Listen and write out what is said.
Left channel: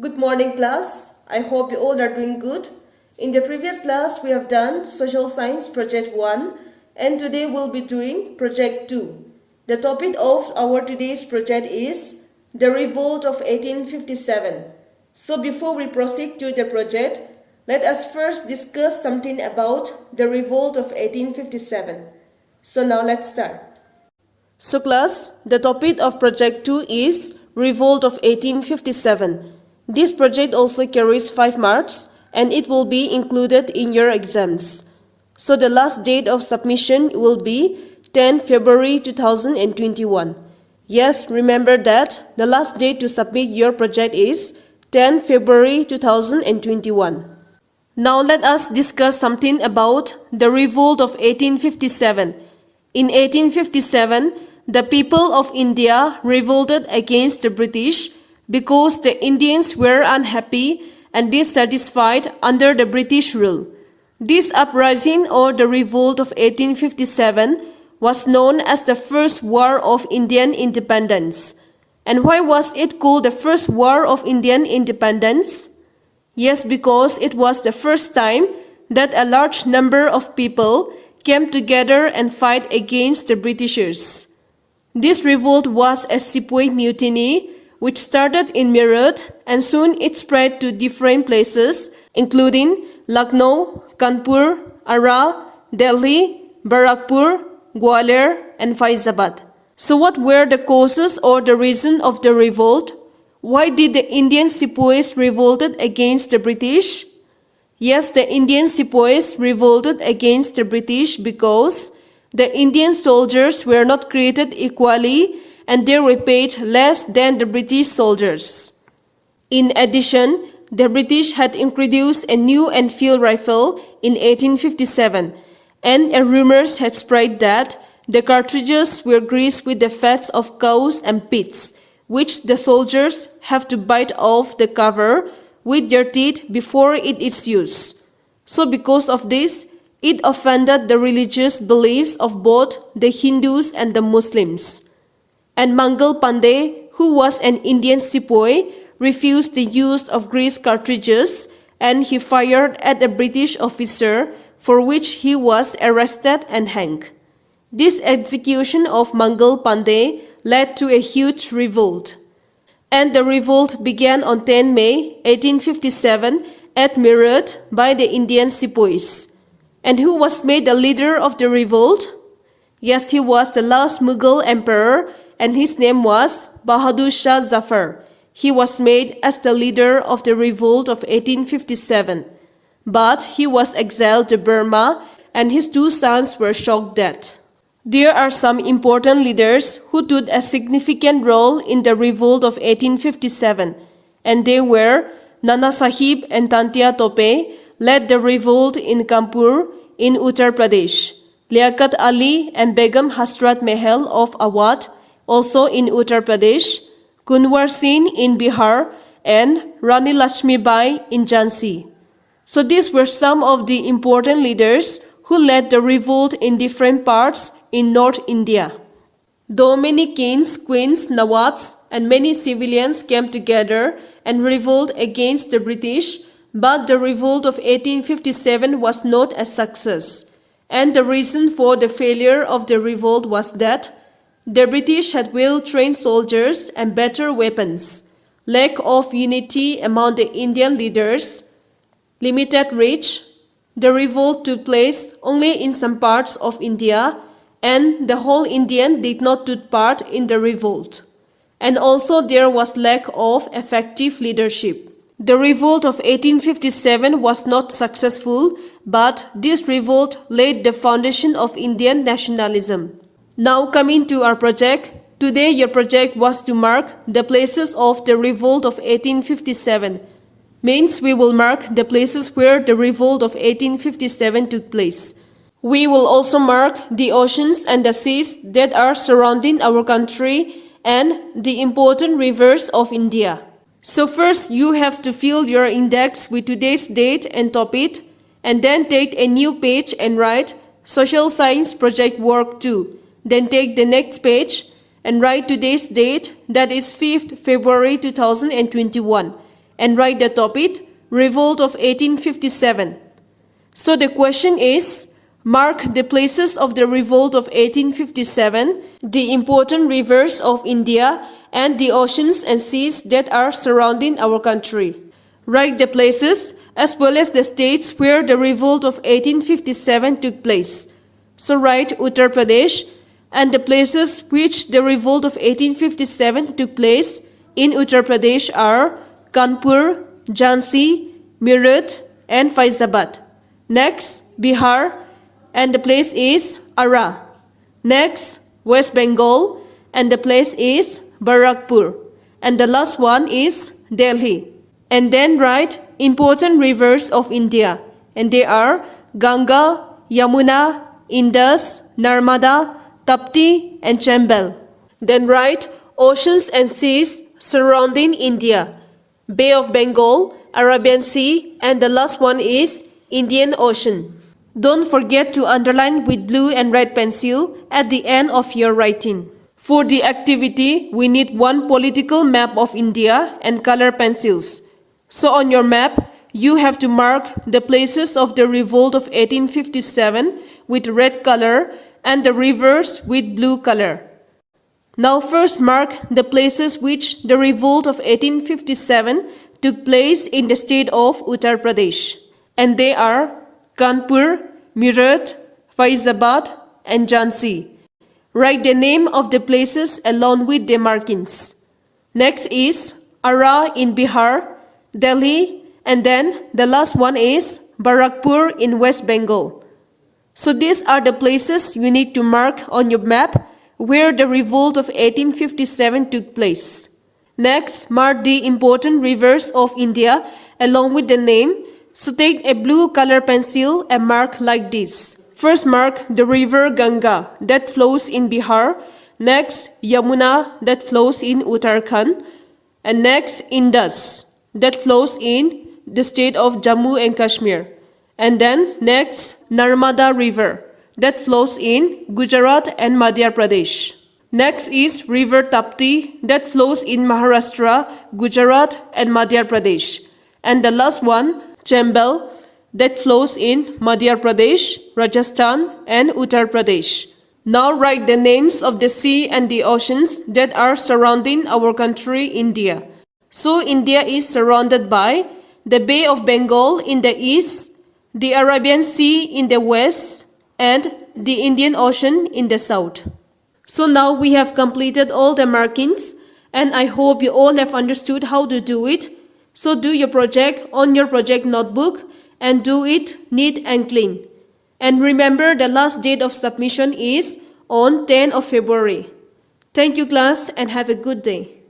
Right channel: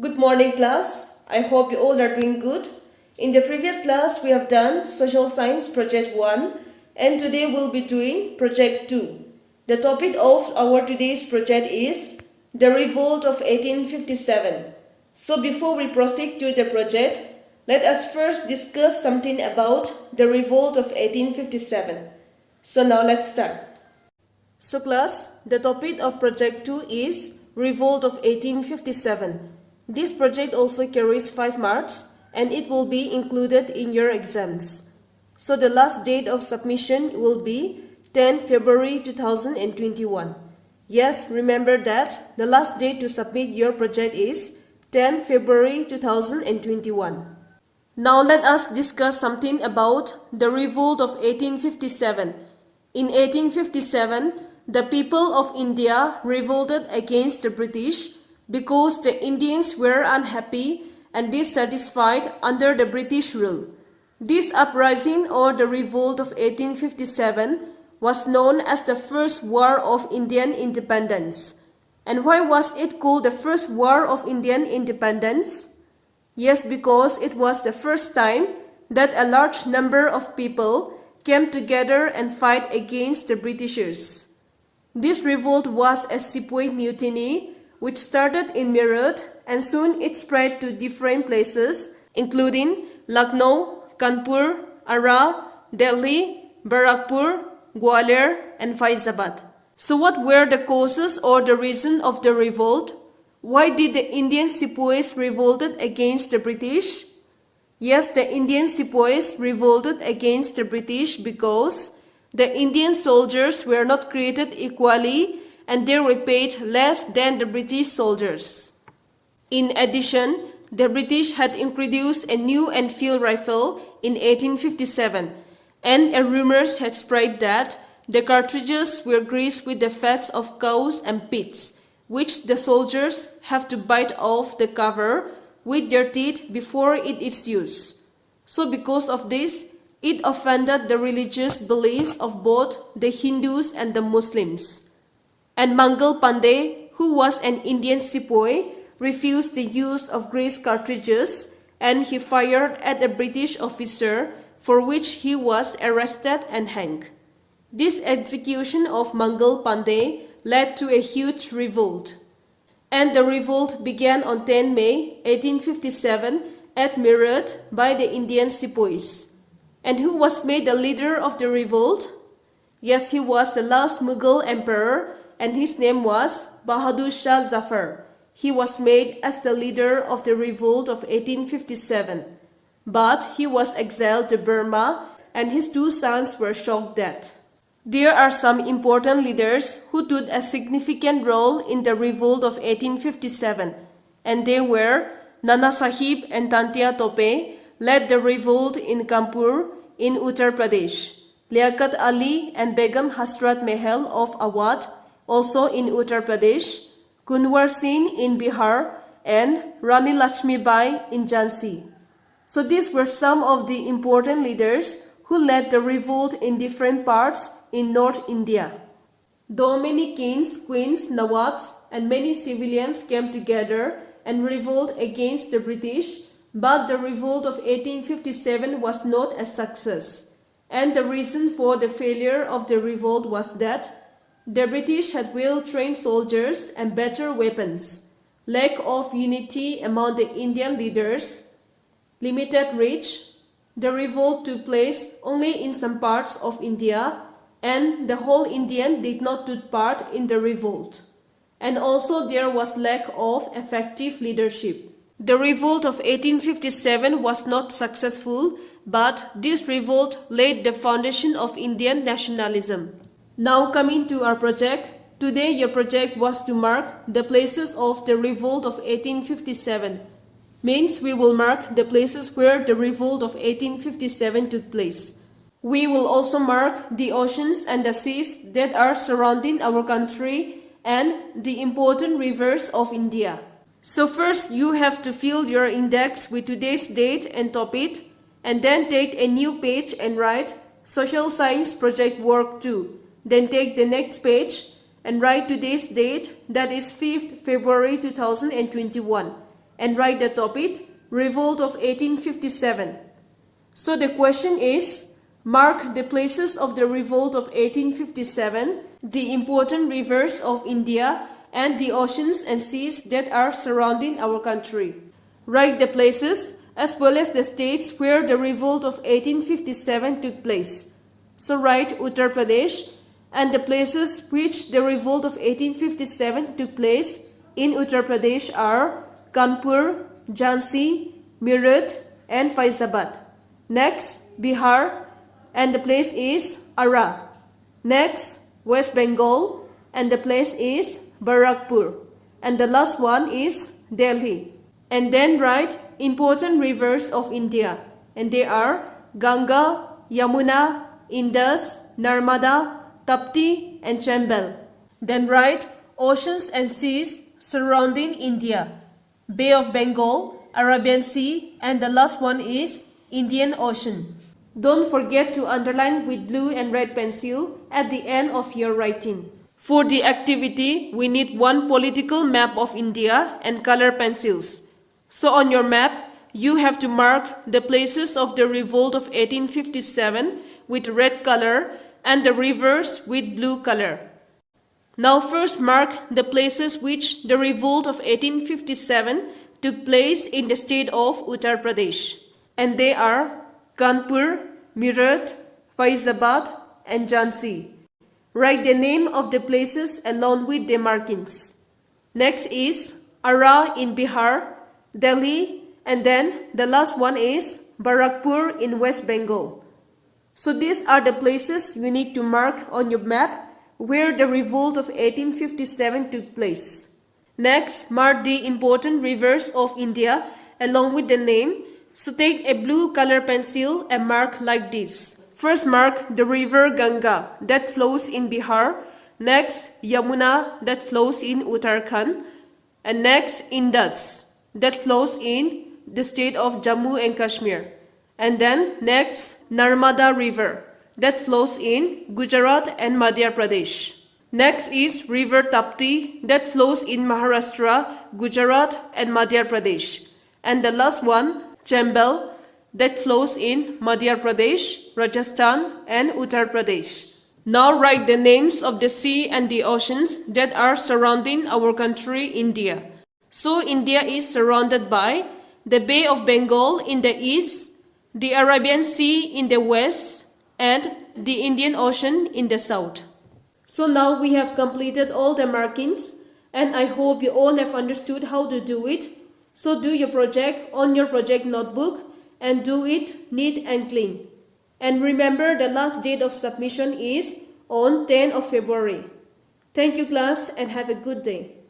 Good morning, class. I hope you all are doing good. In the previous class, we have done Social Science Project 1 and today we'll be doing Project 2. The topic of our today's project is the Revolt of 1857. So before we proceed to the project, let us first discuss something about the Revolt of 1857. So now let's start. So class, the topic of Project 2 is Revolt of 1857. This project also carries 5 marks and it will be included in your exams. So the last date of submission will be 10 February 2021. Yes, remember that the last date to submit your project is 10 February 2021. Now let us discuss something about the Revolt of 1857. In 1857, the people of India revolted against the British because the Indians were unhappy and dissatisfied under the British rule. This uprising or the Revolt of 1857 was known as the First War of Indian Independence. And why was it called the First War of Indian Independence? Yes, because it was the first time that a large number of people came together and fight against the Britishers. This revolt was a sepoy mutiny which started in Meerut and soon it spread to different places including Lucknow, Kanpur, Ara, Delhi, Barakpur, Gwalior and Faizabad. So what were the causes or the reason of the revolt? Why did the Indian sepoys revolted against the British? Yes, the Indian sepoys revolted against the British because the Indian soldiers were not treated equally and they were paid less than the British soldiers. In addition, the British had introduced a new Enfield rifle in 1857 and rumors had spread that the cartridges were greased with the fats of cows and pigs, which the soldiers have to bite off the cover with their teeth before it is used. So because of this, it offended the religious beliefs of both the Hindus and the Muslims. And Mangal Pandey, who was an Indian sepoy, refused the use of grease cartridges and he fired at a British officer for which he was arrested and hanged. This execution of Mangal Pandey led to a huge revolt. And the revolt began on 10 May 1857 at Meerut by the Indian sepoys. And who was made the leader of the revolt? Yes, he was the last Mughal emperor and his name was Bahadur Shah Zafar. He was made as the leader of the revolt of 1857. But he was exiled to Burma and his 2 sons were shot dead. There are some important leaders who took a significant role in the revolt of 1857 and they were Nana Sahib and Tantia Tope led the revolt in Kanpur in Uttar Pradesh. Liaquat Ali and Begum Hasrat Mahal of Awadh also in Uttar Pradesh, Kunwar Singh in Bihar and Rani Lakshmi Bai in Jhansi. So these were some of the important leaders who led the revolt in different parts in North India. Though many kings, queens, nawabs and many civilians came together and revolted against the British, but the revolt of 1857 was not a success. And the reason for the failure of the revolt was that the British had well-trained soldiers and better weapons, lack of unity among the Indian leaders, limited reach. The revolt took place only in some parts of India and the whole Indian did not take part in the revolt. And also there was lack of effective leadership. The revolt of 1857 was not successful, but this revolt laid the foundation of Indian nationalism. Now coming to our project, today your project was to mark the places of the revolt of 1857. Means we will mark the places where the revolt of 1857 took place. We will also mark the oceans and the seas that are surrounding our country and the important rivers of India. So first you have to fill your index with today's date and topic and then take a new page and write Social Science Project Work 2. Then take the next page and write today's date, that is 5th February 2021. and write the topic Revolt of 1857. So the question is, mark the places of the Revolt of 1857, the important rivers of India, and the oceans and seas that are surrounding our country. Write the places as well as the states where the Revolt of 1857 took place. So write Uttar Pradesh and the places which the Revolt of 1857 took place in Uttar Pradesh are Kanpur, Jhansi, Meerut, and Faizabad. Next, Bihar, and the place is Ara. Next, West Bengal, and the place is Barakpur. And the last one is Delhi. And then write important rivers of India, and they are Ganga, Yamuna, Indus, Narmada, Tapti, and Chambal. Then write oceans and seas surrounding India, Bay of Bengal, Arabian Sea, and the last one is Indian Ocean. Don't forget to underline with blue and red pencil at the end of your writing. For the activity, we need one political map of India and color pencils. So on your map, you have to mark the places of the Revolt of 1857 with red color and the rivers with blue color. Now first mark the places which the Revolt of 1857 took place in the state of Uttar Pradesh. And they are Kanpur, Meerut, Faizabad, and Jhansi. Write the name of the places along with the markings. Next is Ara in Bihar, Delhi, and then the last one is Barakpur in West Bengal. So these are the places you need to mark on your map where the Revolt of 1857 took place. Next, mark the important rivers of India along with the name. So take a blue color pencil and mark like this. First mark the river Ganga that flows in Bihar. Next, Yamuna that flows in Uttarakhand. And next, Indus that flows in the state of Jammu and Kashmir. And then next, Narmada River that flows in Gujarat and Madhya Pradesh. Next is River Tapti that flows in Maharashtra, Gujarat and Madhya Pradesh. And the last one, Chambal, that flows in Madhya Pradesh, Rajasthan and Uttar Pradesh. Now write the names of the sea and the oceans that are surrounding our country, India. So India is surrounded by the Bay of Bengal in the east, the Arabian Sea in the west, and the Indian Ocean in the south. So now we have completed all the markings, and I hope you all have understood how to do it. So do your project on your project notebook and do it neat and clean. And remember, the last date of submission is on 10th of February. Thank you class and have a good day.